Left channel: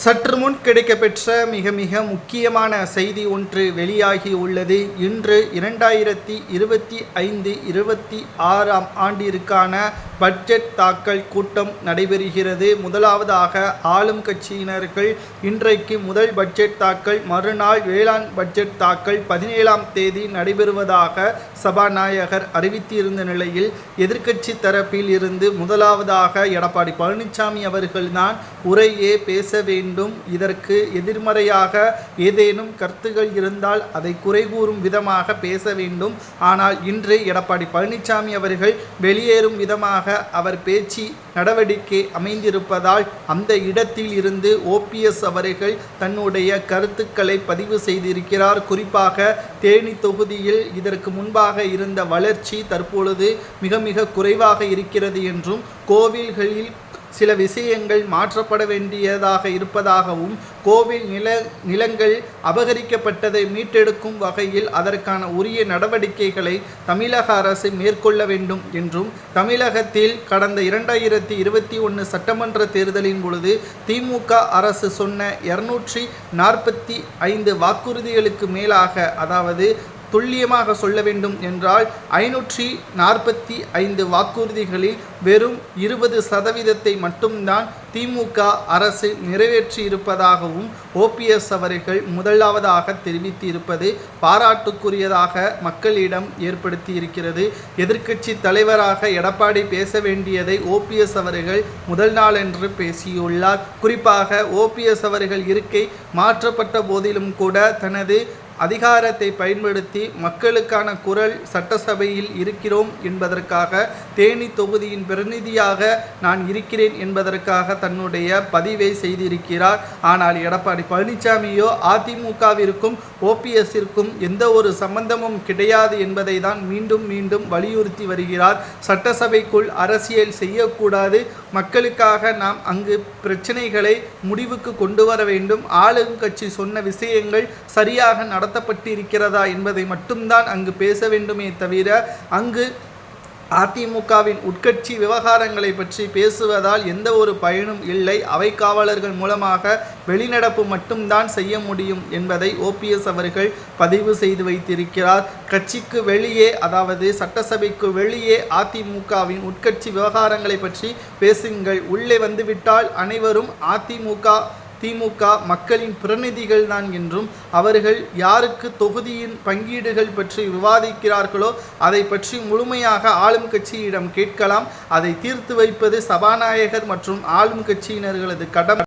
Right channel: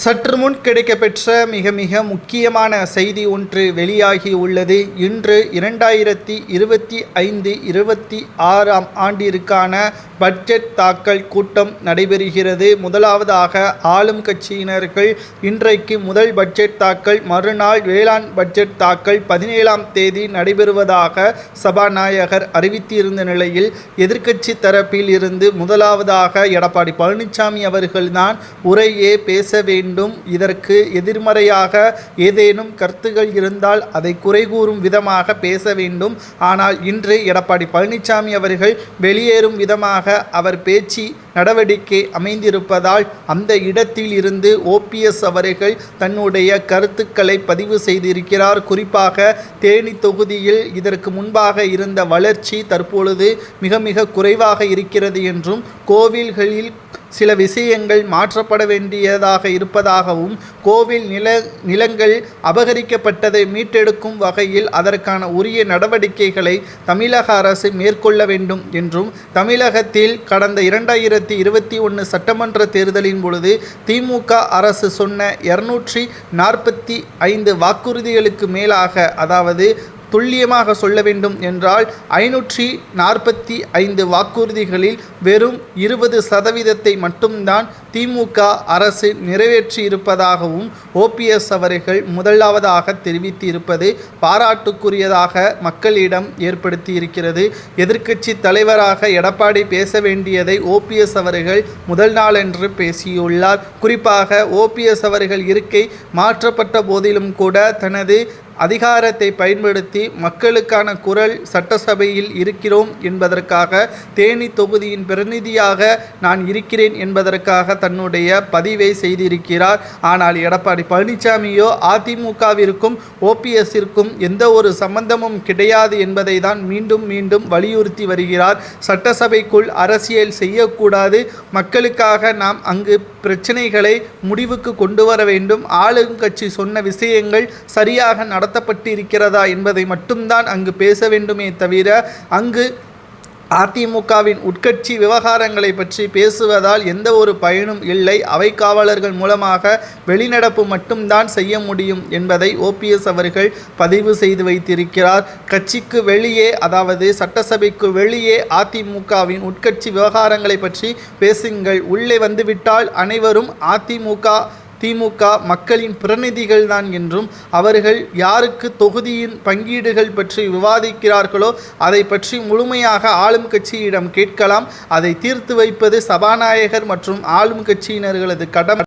சற்று முன் கிடைக்கப்பெற்ற மிக மிக முக்கியமான செய்தி ஒன்று வெளியாகி உள்ளது. இன்று இரண்டாயிரத்தி இருபத்தி ஐந்து இருபத்தி ஆறாம் ஆண்டிற்கான பட்ஜெட் தாக்கல் கூட்டம் நடைபெறுகிறது. முதலாவதாக ஆளும் கட்சியினர்கள் இன்றைக்கு முதல் பட்ஜெட் தாக்கல் மறுநாள் வேளாண் பட்ஜெட் தாக்கல் பதினேழாம் தேதி நடைபெறுவதாக சபாநாயகர் அறிவித்திருந்த நிலையில் எதிர்க்கட்சி தரப்பில் இருந்து முதலாவதாக எடப்பாடி பழனிசாமி அவர்கள்தான் உரையே பேச வேண்டும். இதற்கு எதிர்மறையாக ஏதேனும் கருத்துகள் இருந்தால் அதை குறை கூறும் விதமாக பேச வேண்டும். ஆனால் இன்று எடப்பாடி பழனிசாமி அவர்கள் வெளியேறும் விதமாக அவர் பேச்சு நடவடிக்கை அமைந்திருப்பதால் அந்த இடத்தில் இருந்து ஓபிஎஸ் அவர்கள் தன்னுடைய கருத்துக்களை பதிவு செய்திருக்கிறார். குறிப்பாக தேனி தொகுதியில் இதற்கு முன்பாக இருந்த வளர்ச்சி தற்பொழுது மிக மிக குறைவாக இருக்கிறது என்றும் கோவில்களில் சில விஷயங்கள் மாற்றப்பட வேண்டியதாக இருப்பதாகவும் கோவில் நில நிலங்கள் அபகரிக்கப்பட்டதை மீட்டெடுக்கும் வகையில் அதற்கான உரிய நடவடிக்கைகளை தமிழக அரசு மேற்கொள்ள வேண்டும் என்றும் தமிழகத்தில் கடந்த இரண்டாயிரத்தி இருபத்தி ஒன்று சட்டமன்ற தேர்தலின் பொழுது திமுக அரசு சொன்ன இருநூற்றி நாற்பத்தி ஐந்து வாக்குறுதிகளுக்கு மேலாக அதாவது துல்லியமாக சொல்ல வேண்டும் என்றால் ஐநூற்றி நாற்பத்தி ஐந்து வாக்குறுதிகளில் வெறும் இருபது சதவீதத்தை மட்டும்தான் திமுக அரசு நிறைவேற்றியிருப்பதாகவும் ஓபிஎஸ் அவர்கள் முதலாவதாக தெரிவித்திருப்பது பாராட்டுக்குரியதாக மக்களிடம் ஏற்படுத்தி இருக்கிறது எதிர்க்கட்சி தலைவராக எடப்பாடி பேச வேண்டியதை ஓபிஎஸ் அவர்கள் முதல் நாளன்று பேசியுள்ளார். குறிப்பாக ஓபிஎஸ் அவர்கள் இருக்கை மாற்றப்பட்ட போதிலும் கூட தனது அதிகாரத்தை பயன்படுத்தி மக்களுக்கான குரல் சட்டசபையில் இருக்கிறோம் என்பதற்காக தேனி தொகுதியின் பிரதிநிதியாக நான் இருக்கிறேன் என்பதற்காக தன்னுடைய பதிவை செய்திருக்கிறார். ஆனால் எடப்பாடி பழனிசாமியோ அதிமுகவிற்கும் ஓபிஎஸ்ஸிற்கும் எந்த ஒரு சம்பந்தமும் கிடையாது என்பதை தான் மீண்டும் மீண்டும் வலியுறுத்தி வருகிறார். சட்டசபைக்குள் அரசியல் செய்யக்கூடாது. மக்களுக்காக நாம் அங்கு பிரச்சனைகளை முடிவுக்கு கொண்டு வர வேண்டும். ஆளுங்கட்சி சொன்ன விஷயங்கள் சரியாக நட இருக்கிறதா என்பதை மட்டும்தான் அங்கு பேச வேண்டுமே தவிர அங்கு அதிமுகவின் உட்கட்சி விவகாரங்களை பற்றி பேசுவதால் எந்த ஒரு பயனும் இல்லை. அவை காவலர்கள் மூலமாக வெளிநடப்பு மட்டும்தான் செய்ய முடியும் என்பதை ஓபிஎஸ் அவர்கள் பதிவு செய்து வைத்திருக்கிறார். கட்சிக்கு வெளியே அதாவது சட்டசபைக்கு வெளியே அதிமுகவின் உட்கட்சி விவகாரங்களை பற்றி பேசுங்கள். உள்ளே வந்துவிட்டால் அனைவரும் அதிமுக திமுக மக்களின் பிரதிநிதிகள் தான் என்றும் அவர்கள் யாருக்கு தொகுதியின் பங்கீடுகள் பற்றி விவாதிக்கிறார்களோ அதை பற்றி முழுமையாக ஆளும் கட்சியிடம் கேட்கலாம். அதை தீர்த்து வைப்பது சபாநாயகர் மற்றும் ஆளும் கட்சியினர்களது கடமை.